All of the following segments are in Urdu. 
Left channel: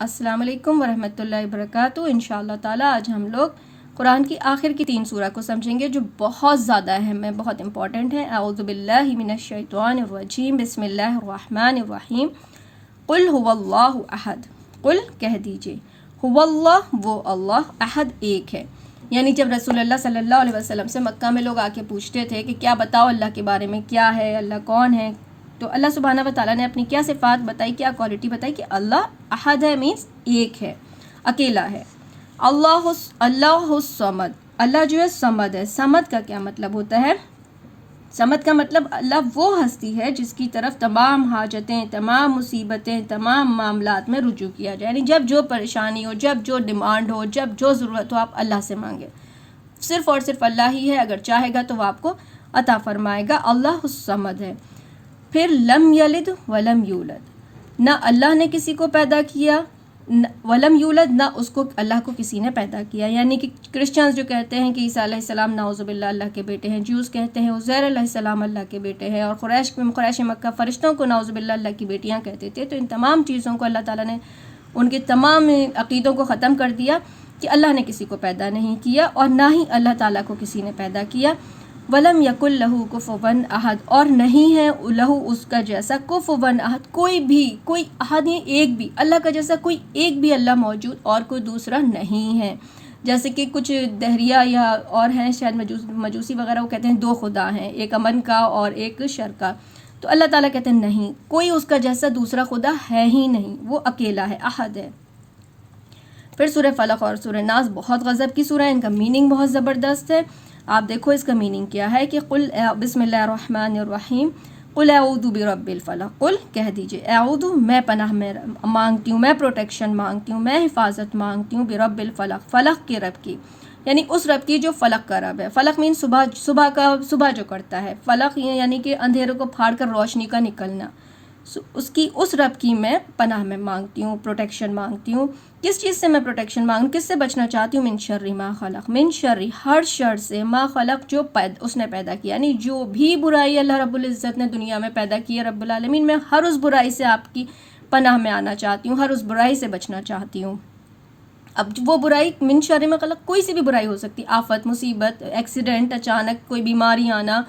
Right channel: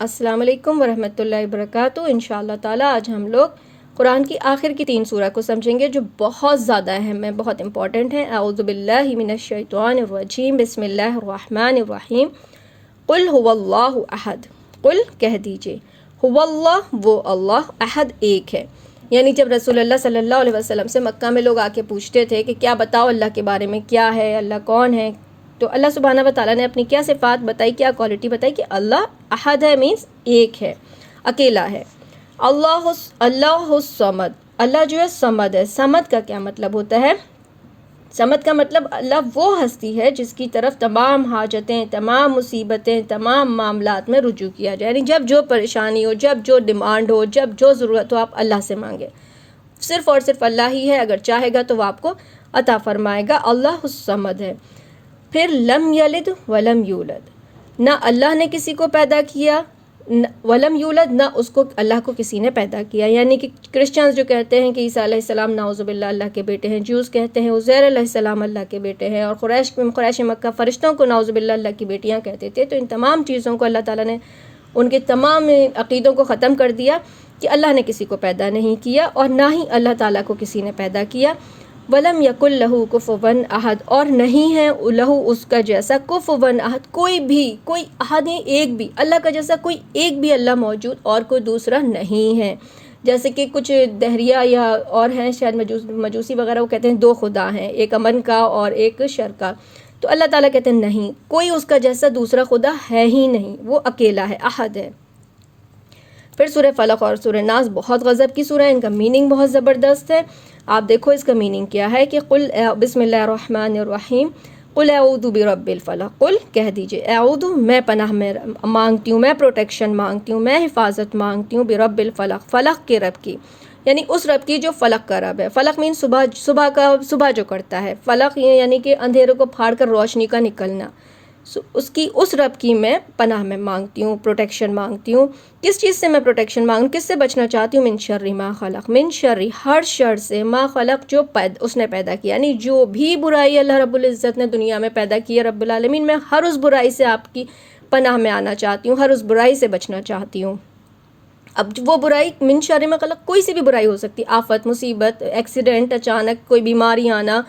السلام علیکم ورحمۃ اللہ وبرکاتہ۔ انشاءاللہ تعالیٰ آج ہم لوگ قرآن کی آخر کی 3 سورہ کو سمجھیں گے جو بہت زیادہ اہم ہے، بہت امپورٹنٹ ہے۔ اعوذ باللہ من الشیطان الرجیم، بسم اللہ الرحمن الرحیم۔ قل هو اللہ احد، قل کہہ دیجئے، هو اللہ وہ اللہ، احد ایک ہے۔ یعنی جب رسول اللہ صلی اللہ علیہ وسلم سے مکہ میں لوگ آ کے پوچھتے تھے کہ کیا بتاؤ اللہ کے بارے میں، کیا ہے اللہ، کون ہے، تو اللہ سبحانہ و تعالیٰ نے اپنی کیا صفات بتائی، کیا کوالٹی بتائی کہ اللہ احد ہے، مینس ایک ہے، اکیلا ہے۔ اللہ الصمد، اللہ جو ہے صمد ہے۔ صمد کا کیا مطلب ہوتا ہے؟ صمد کا مطلب اللہ وہ ہستی ہے جس کی طرف تمام حاجتیں، تمام مصیبتیں، تمام معاملات میں رجوع کیا جائے، یعنی جب جو پریشانی ہو، جب جو ڈیمانڈ ہو، جب جو ضرورت ہو، آپ اللہ سے مانگیں۔ صرف اور صرف اللہ ہی ہے، اگر چاہے گا تو وہ آپ کو عطا فرمائے گا۔ اللہ الصمد ہے۔ پھر لم یلد ولم یولد، نہ اللہ نے کسی کو پیدا کیا، ولم یولد نہ اس کو اللہ کو کسی نے پیدا کیا۔ یعنی کہ کرسچنز جو کہتے ہیں کہ عیسیٰ علیہ السلام نعوذ باللہ اللہ کے بیٹے ہیں، جوز کہتے ہیں عزیر علیہ السلام اللہ کے بیٹے ہیں، اور قریش مکہ فرشتوں کو نعوذ باللہ اللہ کی بیٹیاں کہتے تھے۔ تو ان تمام چیزوں کو اللہ تعالیٰ نے ان کے تمام عقیدوں کو ختم کر دیا کہ اللہ نے کسی کو پیدا نہیں کیا اور نہ ہی اللہ تعالیٰ کو کسی نے پیدا کیا۔ ولم یکن لہو کفوا احد، اور نہیں ہے لہو اس کا جیسا کفوا احد، کوئی احد نہیں، ایک بھی اللہ کا جیسا کوئی ایک بھی اللہ موجود اور کوئی دوسرا نہیں ہے۔ جیسے کہ کچھ دہریہ یا اور ہیں شاید مجوسی وغیرہ، وہ کہتے ہیں 2 خدا ہیں، ایک امن کا اور ایک شر کا۔ تو اللہ تعالیٰ کہتے ہیں نہیں، کوئی اس کا جیسا دوسرا خدا ہے ہی نہیں، وہ اکیلا ہے، احد ہے۔ پھر سورہ فلق اور سورہ ناس بہت غضب کی سورہ ہے، ان کا میننگ بہت زبردست ہے۔ آپ دیکھو اس کا میننگ کیا ہے کہ قل بسم اللہ الرحمن الرحیم، قل اعوذ برب الفلق، قل کہہ دیجئے، اعوذ میں پناہ میں مانگتی ہوں، میں پروٹیکشن مانگتی ہوں، میں حفاظت مانگتی ہوں، برب الفلق، فلق کے رب کی، یعنی اس رب کی جو فلق کا رب ہے۔ فلق مین صبح جو کرتا ہے، فلق یعنی کہ اندھیروں کو پھاڑ کر روشنی کا نکلنا، اس رب کی میں پناہ میں مانگتی ہوں، پروٹیکشن مانگتی ہوں۔ کس چیز سے میں پروٹیکشن مانگوں، کس سے بچنا چاہتی ہوں؟ من شر ما خلق، من شر ہر شر سے، ما خلق جو اس نے پیدا کیا، یعنی جو بھی برائی اللہ رب العزت نے دنیا میں پیدا کی ہے رب العالمین، میں ہر اس برائی سے آپ کی پناہ میں آنا چاہتی ہوں، ہر اس برائی سے بچنا چاہتی ہوں۔ اب وہ برائی من شر ما خلق کوئی سی بھی برائی ہو سکتی، آفت، مصیبت، ایکسیڈنٹ، اچانک کوئی بیماری آنا،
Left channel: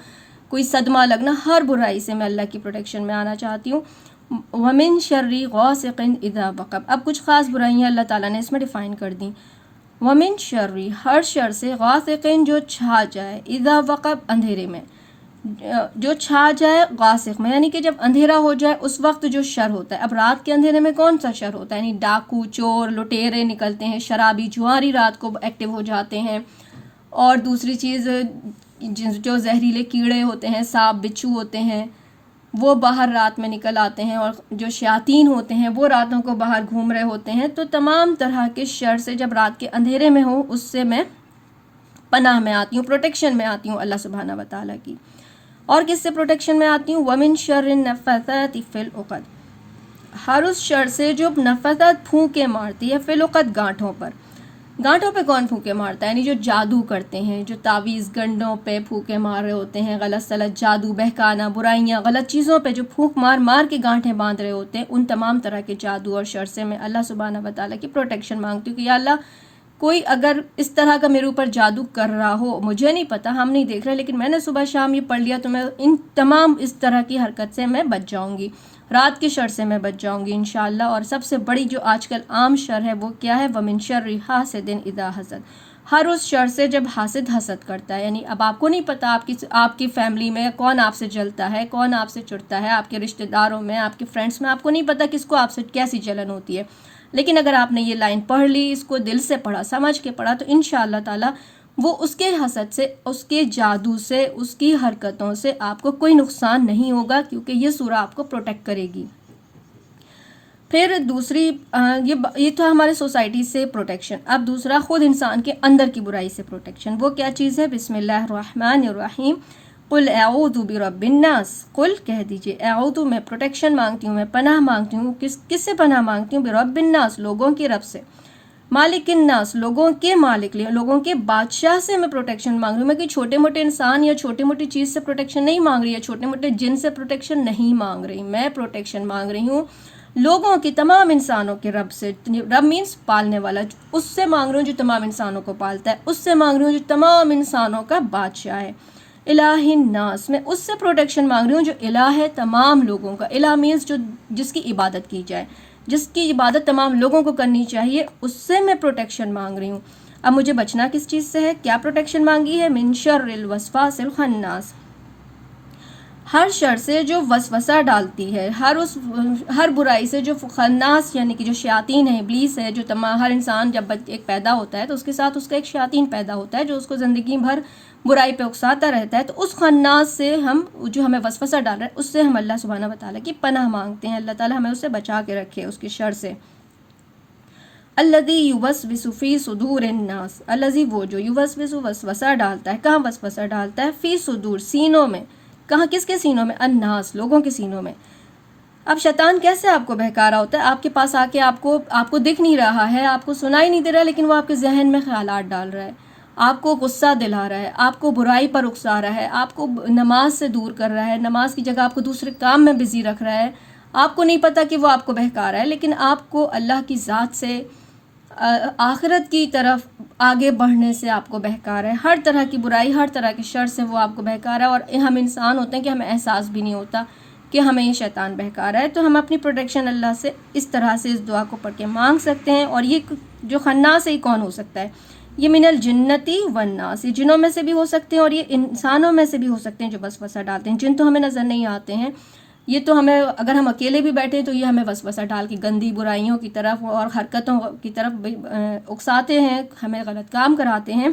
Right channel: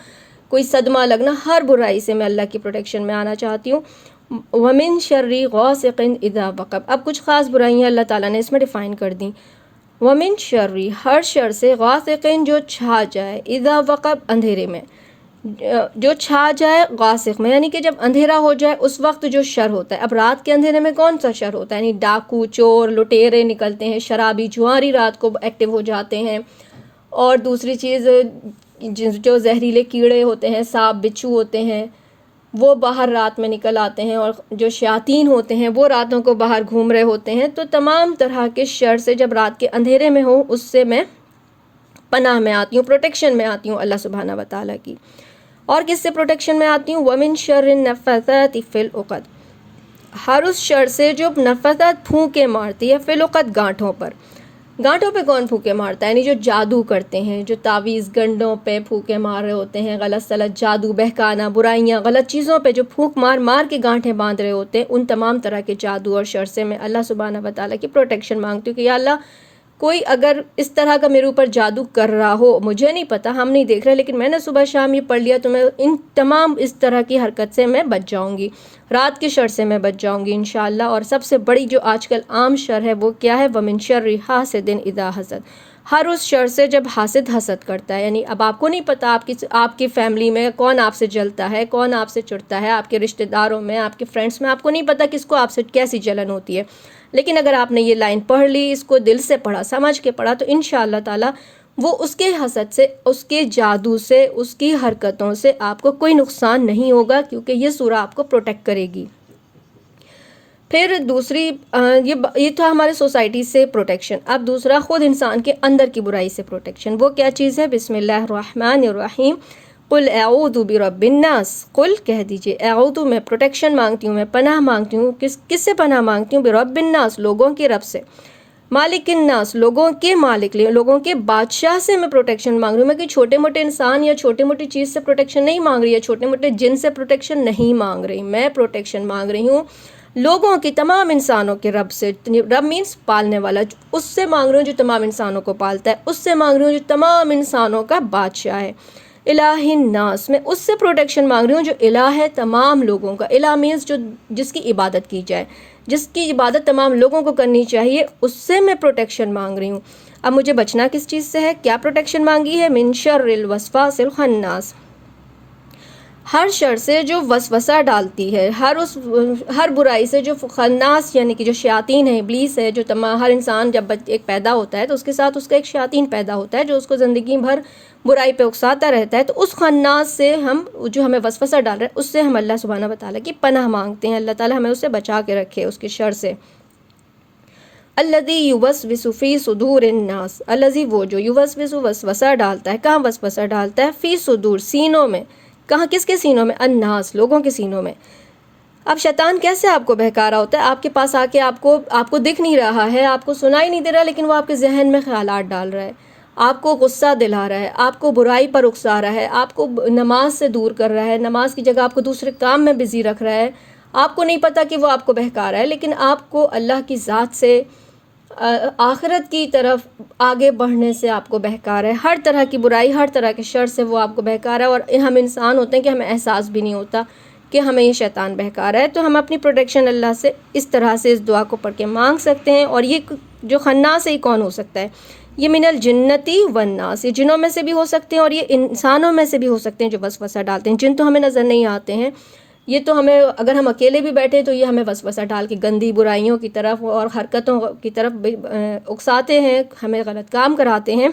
کوئی صدمہ لگنا، ہر برائی سے میں اللہ کی پروٹیکشن میں آنا چاہتی ہوں۔ وَمِن شَرِّ غَاسِقٍ إِذَا وَقَبَ، اب کچھ خاص برائیاں اللہ تعالیٰ نے اس میں ڈیفائن کر دیں۔ وَمِن شَرِّ ہر شر سے، غاسقٍ جو چھا جائے، اذا وقب اندھیرے میں، جو چھا جائے غاسق میں، یعنی کہ جب اندھیرا ہو جائے اس وقت جو شر ہوتا ہے۔ اب رات کے اندھیرے میں کون سا شر ہوتا ہے؟ یعنی ڈاکو، چور، لٹیرے نکلتے ہیں، شرابی، جواری رات کو ایکٹیو ہو جاتے ہیں، اور دوسری چیز جو زہریلے کیڑے ہوتے ہیں، سانپ، بچھو ہوتے ہیں، وہ باہر رات میں نکل آتے ہیں، اور جو شیاطین ہوتے ہیں وہ راتوں کو باہر گھوم رہے ہوتے ہیں۔ تو تمام طرح کے شر سے جب رات کے اندھیرے میں ہوں، اس سے میں پناہ میں آتی ہوں، پروٹیکشن میں آتی ہوں اللہ سبحانہ و تعالیٰ کی۔ اور کس سے پروٹیکشن میں آتی ہوں؟ وَمِن شَرِّ النَّفَّاثَاتِ فِي الْعُقَدِ، ہر اس شر سے جو نفثات پھونکے مارتی ہے، فی العقد گانٹھوں پر۔ گانٹھوں پہ کون پھونکے مارتا ہے؟ یعنی جو جادو کرتے ہیں، جو تعویذ گنڈوں پہ پھونکے مار رہے ہوتے ہیں، غلط سلط جادو، بہکانا، برائیاں، غلط چیزوں پہ جو پھونک مار مار کے گانٹھیں باندھ رہے ہوتے ہیں، ان تمام طرح کے جادو اور شر سے میں اللہ سبحانہ و تعالیٰ کی پروٹیکشن مانگتی ہوں کہ یا اللہ کوئی اگر اس طرح کا میرے اوپر جادو کر رہا ہو، مجھے نہیں پتا، ہم نہیں دیکھ رہے، لیکن میں نے صبح شام یہ پڑھ لیا، تو میں ان تمام اس طرح کی حرکت سے میں بچ جاؤں گی، رات کے شر سے میں بچ جاؤں گی انشاءاللہ۔ اور سب سے بڑی جو آج کل عام شر ہے وہ کیا ہے؟ وَمِن شَرِّ حَاسِدٍ إِذَا حَسَدَ، ہر اس شر سے جب حاسد حسد کرتا ہے، یعنی اب آپ کو نہیں پتا آپ کی فیملی میں کون آپ سے جلتا ہے، کون آپ سے چڑھتا ہے، آپ کے رشتہ داروں میں، آپ کے فرینڈس میں، آپ کو نہیں پتا کس کو آپ سے کیسی جلن ہوتی ہے، لیکن اگر آپ نے یہ لائن پڑھ لی، اس کو دل سے پڑھا، سمجھ کے پڑھا، تو انشاءاللہ تعالیٰ وہ اس کے حسد سے، اس کے جادو سے، اس کی حرکتوں سے آپ کو کوئی نقصان نہیں ہوگا، کیونکہ یہ سورہ آپ کو پروٹیکٹ کرے گی۔ پھر دوسری یہ تھا ہمارے سوسائٹی سے پروٹیکشن۔ اب دوسرا خود انسان کے اندر کی برائی سے پروٹیکشن، وہ کیا چیز ہے؟ بسم اللہ الرحمن الرحیم، قل اعوذ برب الناس، قل کہہ دیجئے، اعوذ میں پروٹیکشن مانگتی ہوں، میں پناہ مانگتی ہوں، کس سے پناہ مانگتی ہوں؟ برب الناس، لوگوں کے رب سے، مالک الناس، لوگوں کے مالک، لوگوں کے بادشاہ سے میں پروٹیکشن مانگ رہی ہوں۔ میں کوئی چھوٹے موٹے انسان یا چھوٹے موٹی چیز سے پروٹیکشن نہیں مانگ رہی، یا چھوٹے موٹے جن سے پروٹیکشن نہیں مانگ رہی، میں پروٹیکشن مانگ رہی ہوں لوگوں کی تمام انسانوں کے رب سے، رب مینس پالنے والا، اس سے مانگ رہی ہوں جو تمام انسانوں کو پالتا ہے، اس سے مانگ رہی ہوں جو تمام انسانوں کا بادشاہ ہے، الہ الناس، میں اس سے پروٹیکشن مانگ رہی ہوں جو الہ ہے تمام لوگوں کا، الہ مینس جو جس کی عبادت کی جائے، جس کی عبادت تمام لوگوں کو کرنی چاہیے، اس سے میں پروٹیکشن مانگ رہی ہوں۔ اب مجھے بچنا کس چیز سے ہے؟ کیا پروٹیکشن مانگی ہے؟ من شر الوسواس الخناس، ہر شر سے جو وسوسہ ڈالتی ہے، ہر برائی سے جو خناس یعنی کہ جو شیاطین ہے، ابلیس ہے، جو تمام ہر انسان جب ایک پیدا ہوتا ہے تو اس کے ساتھ اس کا ایک شیاطین پیدا ہوتا ہے جو اس کو زندگی بھر برائی پہ اکساتا رہتا ہے، تو اس خناس سے ہم جو ہمیں وسوسہ ڈال رہا ہے اس سے ہم اللہ سبحانہ و تعالیٰ کی پناہ مانگتے ہیں، اللہ تعالیٰ ہمیں اس سے بچا کے رکھے اس کے شر سے۔ الذی یوسوس فی صدور الناس، الذی وہ جو یوسوس وسوسہ ڈالتا ہے، کہاں وسوسہ ڈالتا ہے؟ فی صدور، سینوں میں، کہاں کس کے سینوں میں؟ الناس، لوگوں کے سینوں میں۔ اب شیطان کیسے آپ کو بہکا رہا ہوتا ہے؟ آپ کے پاس آ کے آپ کو دکھ نہیں رہا ہے، آپ کو سنائی نہیں دے رہا، لیکن وہ آپ کے ذہن میں خیالات ڈال رہا ہے، آپ کو غصہ دلا رہا ہے، آپ کو برائی پر اکسا رہا ہے، آپ کو نماز سے دور کر رہا ہے، نماز کی جگہ آپ کو دوسرے کام میں بزی رکھ رہا ہے، آپ کو نہیں پتہ کہ وہ آپ کو بہکا رہا ہے، لیکن آپ کو اللہ کی ذات سے آخرت کی طرف آگے بڑھنے سے آپ کو بہکا رہا ہے، ہر طرح کی برائی، ہر طرح کے شر سے وہ آپ کو بہکا رہا ہے، اور ہم انسان ہوتے ہیں کہ ہمیں احساس بھی نہیں ہوتا کہ ہمیں یہ شیطان بہکا رہا ہے۔ تو ہم اپنی پروٹیکشن اللہ سے اس طرح سے اس دعا کو پڑھ کے مانگ سکتے ہیں۔ اور یہ جو خناس ہے یہ کون ہو سکتا ہے؟ یہ من الجنتی والناس، یہ جنوں میں سے بھی ہو سکتے ہیں اور یہ انسانوں میں سے بھی ہو سکتے ہیں جو وسوسہ ڈالتے ہیں۔ جن تو ہمیں نظر نہیں آتے ہیں، یہ تو ہمیں اگر ہم اکیلے بھی بیٹھے تو یہ ہمیں وسوسہ ڈال کے گندی برائیوں کی طرف اور حرکتوں کی طرف اکساتے ہیں، ہمیں غلط کام کراتے ہیں۔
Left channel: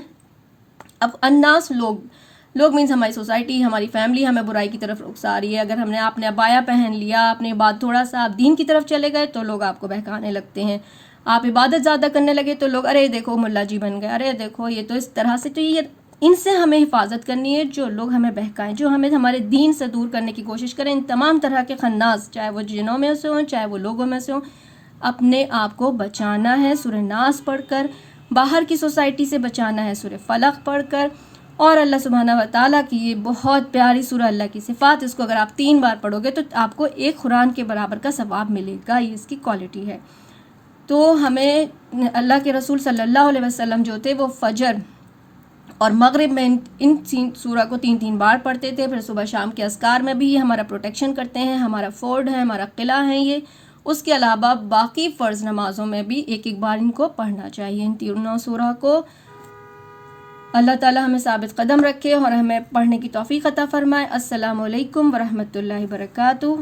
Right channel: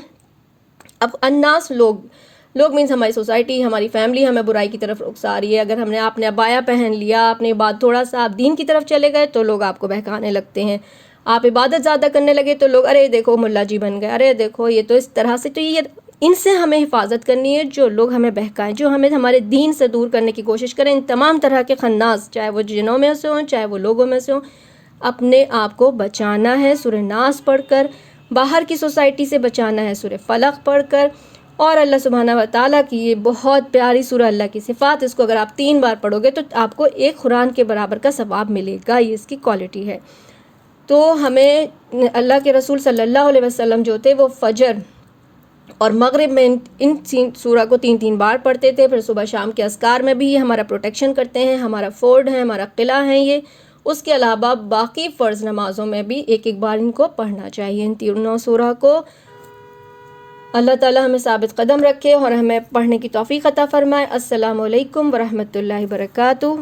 اب الناس، لوگ مینس ہماری سوسائٹی، ہماری فیملی ہمیں برائی کی طرف اکسا رہی ہے۔ اگر آپ نے عبایا پہن لیا، اپنے بعد تھوڑا سا آپ دین کی طرف چلے گئے تو لوگ آپ کو بہکانے لگتے ہیں، آپ عبادت زیادہ کرنے لگے تو لوگ ارے دیکھو ملا جی بن گئے، ارے دیکھو یہ تو اس طرح سے۔ تو یہ ان سے ہمیں حفاظت کرنی ہے، جو لوگ ہمیں بہکائیں، جو ہمیں ہمارے دین سے دور کرنے کی کوشش کریں، ان تمام طرح کے خناس، چاہے وہ جنوں میں سے ہوں چاہے وہ لوگوں میں سے ہوں، اپنے آپ کو بچانا ہے سورہ ناس پڑھ کر، باہر کی سوسائٹی سے بچانا ہے سورہ فلق پڑھ کر، اور اللہ سبحانہ و تعالیٰ کی یہ بہت پیاری سورہ اللہ کی صفات، اس کو اگر آپ 3 بار پڑھو گے تو آپ کو ایک قرآن کے برابر کا ثواب ملے گا، یہ اس کی کوالٹی ہے۔ تو ہمیں اللہ کے رسول صلی اللہ علیہ وسلم جو تھے وہ فجر اور مغرب میں ان سورہ کو 3 بار پڑھتے تھے، پھر صبح شام کے اذکار میں بھی یہ ہمارا پروٹیکشن کرتے ہیں، ہمارا فورڈ ہے، ہمارا قلعہ ہے یہ۔ اس کے علاوہ باقی فرض نمازوں میں بھی ایک بار ان کو پڑھنا چاہیے، ان تینوں سورہ کو۔ اللہ تعالی ہمیں ثابت قدم رکھے اور ہمیں پڑھنے کی توفیق عطا فرمائے۔ السلام علیکم ورحمۃ اللہ وبرکاتہ۔